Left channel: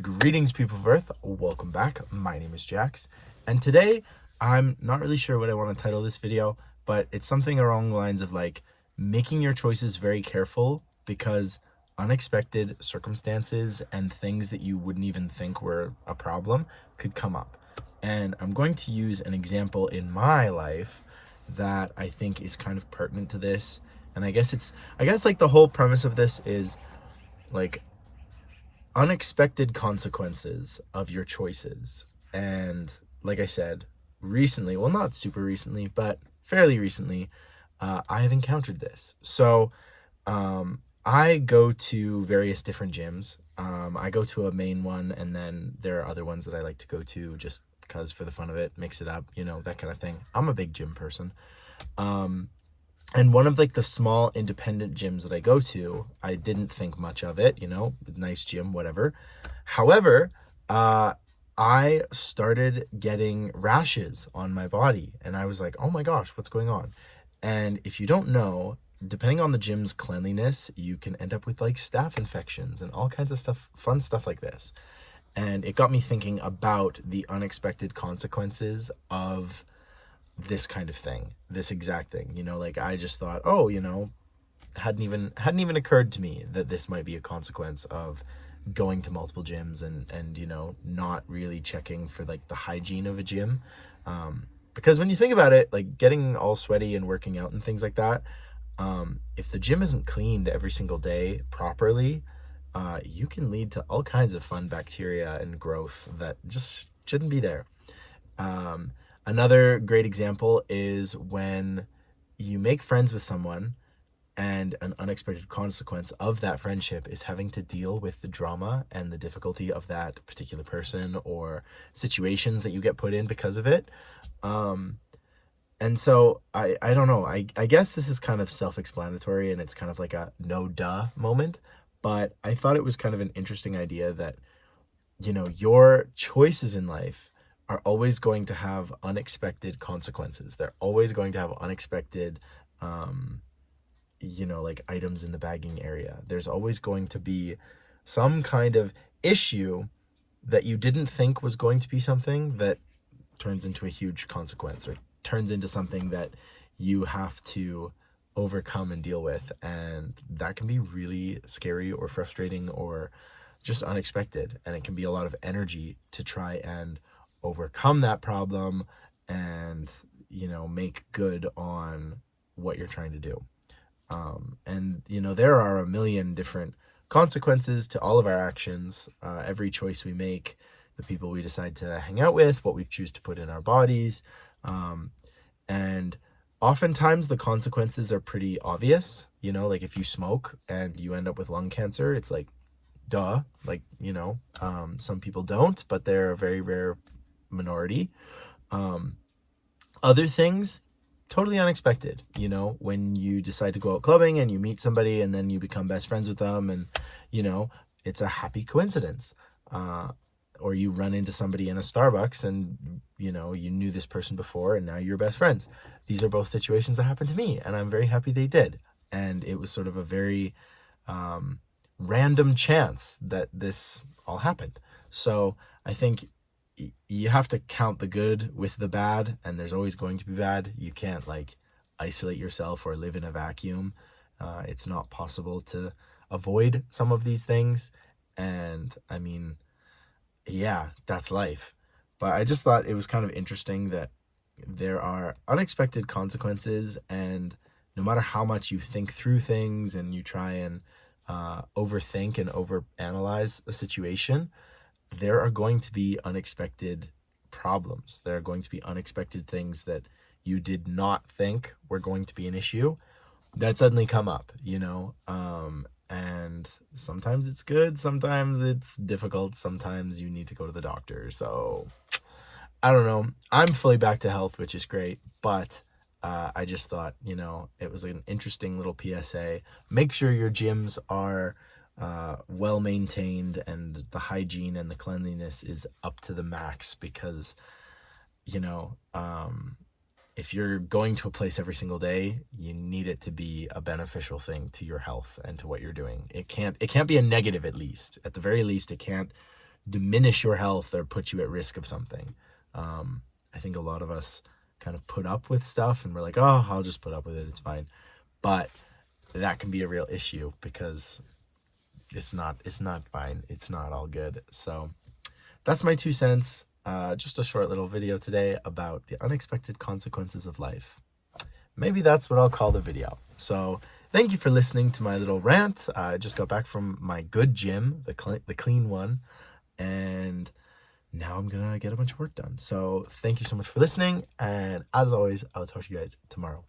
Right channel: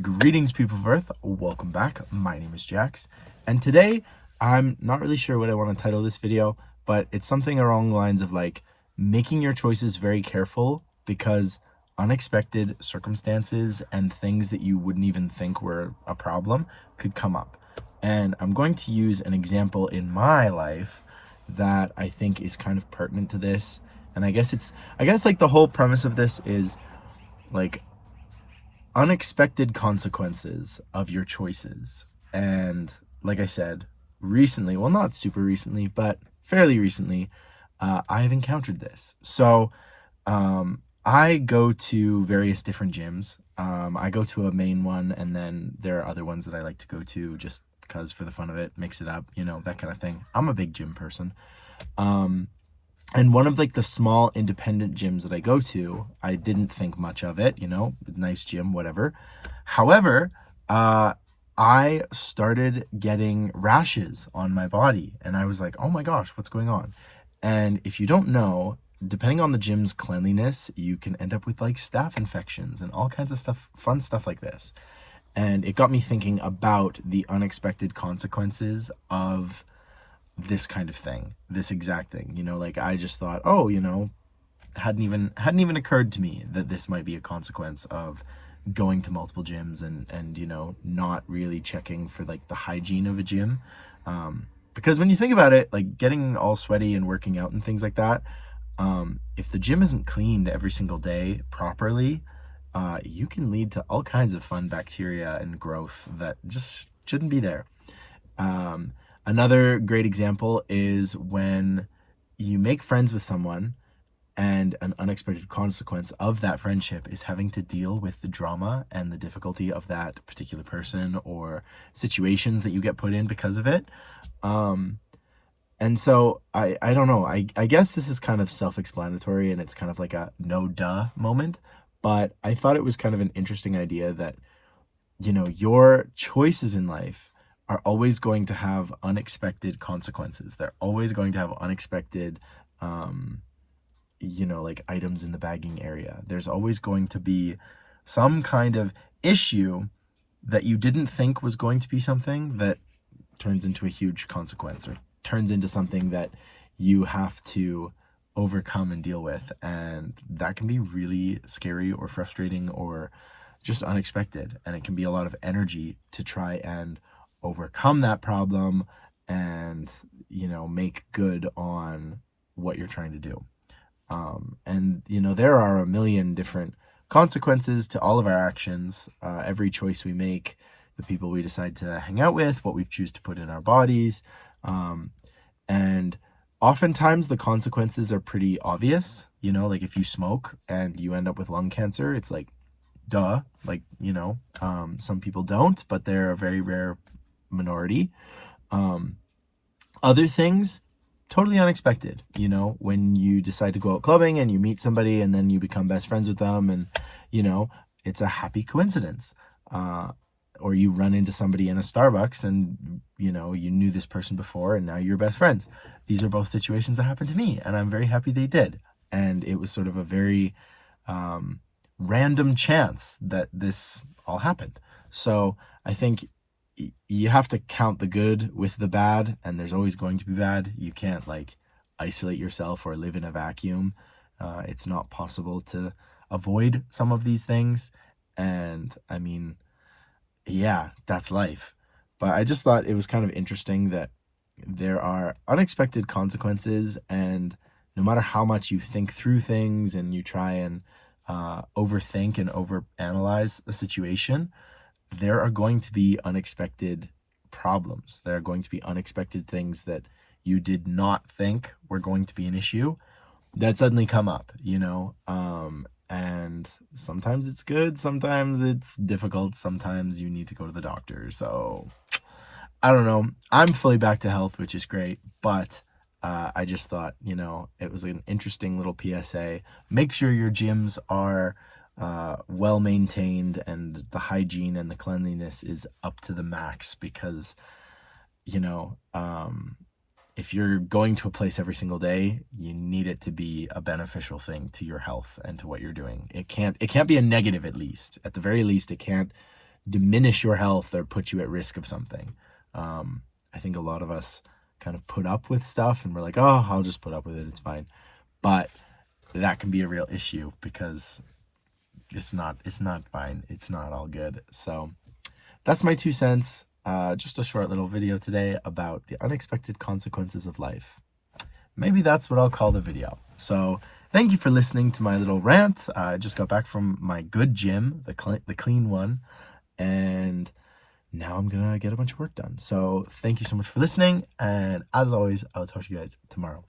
Greetings, people of Earth. Welcome back. My name is Jax, and today I'm not really sure what I want to title this video, but it's something along the lines of like making your choices very careful because unexpected circumstances and things that you wouldn't even think were a problem could come up. And I'm going to use an example in my life that I think is kind of pertinent to this. And I guess like the whole premise of this is like unexpected consequences of your choices. And like I said, recently, well, not super recently, but fairly recently, I have encountered this. So I go to various different gyms. I go to a main one, and then there are other ones that I like to go to just because for the fun of it, mix it up, that kind of thing. I'm a big gym person. And one of like the small independent gyms that I go to, I didn't think much of it, nice gym, whatever. However, I started getting rashes on my body, and I was like, oh my gosh, what's going on? And if you don't know, depending on the gym's cleanliness, you can end up with like staph infections and all kinds of stuff, fun stuff like this. And it got me thinking about the unexpected consequences of this kind of thing, this exact thing. Like I just thought, oh, hadn't even occurred to me that this might be a consequence of going to multiple gyms and not really checking for like the hygiene of a gym. Because when you think about it, like getting all sweaty and working out and things like that, if the gym isn't cleaned every single day properly, you can lead to all kinds of fun bacteria and growth that just shouldn't be there. Another great example is when you make friends with someone and an unexpected consequence of that friendship is having to deal with the drama and the difficulty of that particular person or situations that you get put in because of it. And so I don't know, I guess this is kind of self-explanatory and it's kind of like a no duh moment, but I thought it was kind of an interesting idea that, your choices in life are always going to have unexpected consequences. They're always going to have unexpected, like items in the bagging area. There's always going to be some kind of issue that you didn't think was going to be something that turns into a huge consequence or turns into something that you have to overcome and deal with. And that can be really scary or frustrating or just unexpected. And it can be a lot of energy to try and overcome that problem and make good on what you're trying to do. And there are a million different consequences to all of our actions, every choice we make, the people we decide to hang out with, what we choose to put in our bodies. And oftentimes the consequences are pretty obvious. Like if you smoke and you end up with lung cancer, it's like duh. Like some people don't, but they're a very rare minority. Other things, totally unexpected. When you decide to go out clubbing and you meet somebody and then you become best friends with them, and it's a happy coincidence. Or you run into somebody in a Starbucks and you knew this person before and now you're best friends. These are both situations that happened to me, and I'm very happy they did. And it was sort of a very random chance that this all happened. So I think you have to count the good with the bad, and there's always going to be bad. You can't like isolate yourself or live in a vacuum. It's not possible to avoid some of these things. And I mean, yeah, that's life. But I just thought it was kind of interesting that there are unexpected consequences, and no matter how much you think through things and you try and overthink and overanalyze a situation, there are going to be unexpected problems. There are going to be unexpected things that you did not think were going to be an issue that suddenly come up, and sometimes it's good, sometimes it's difficult, sometimes you need to go to the doctor. So I don't know. I'm fully back to health, which is great, but I just thought, it was an interesting little PSA. Make sure your gyms are well maintained and the hygiene and the cleanliness is up to the max, because if you're going to a place every single day, you need it to be a beneficial thing to your health and to what you're doing. It can't be a negative. At the very least, it can't diminish your health or put you at risk of something. I think a lot of us kind of put up with stuff and we're like, oh, I'll just put up with it, it's fine. But that can be a real issue because it's not fine. It's not all good. So that's my 2 cents. Just a short little video today about the unexpected consequences of life. Maybe that's what I'll call the video. So thank you for listening to my little rant. I just got back from my good gym, the clean one, and now I'm gonna get a bunch of work done. So thank you so much for listening, and as always, I'll talk to you guys tomorrow.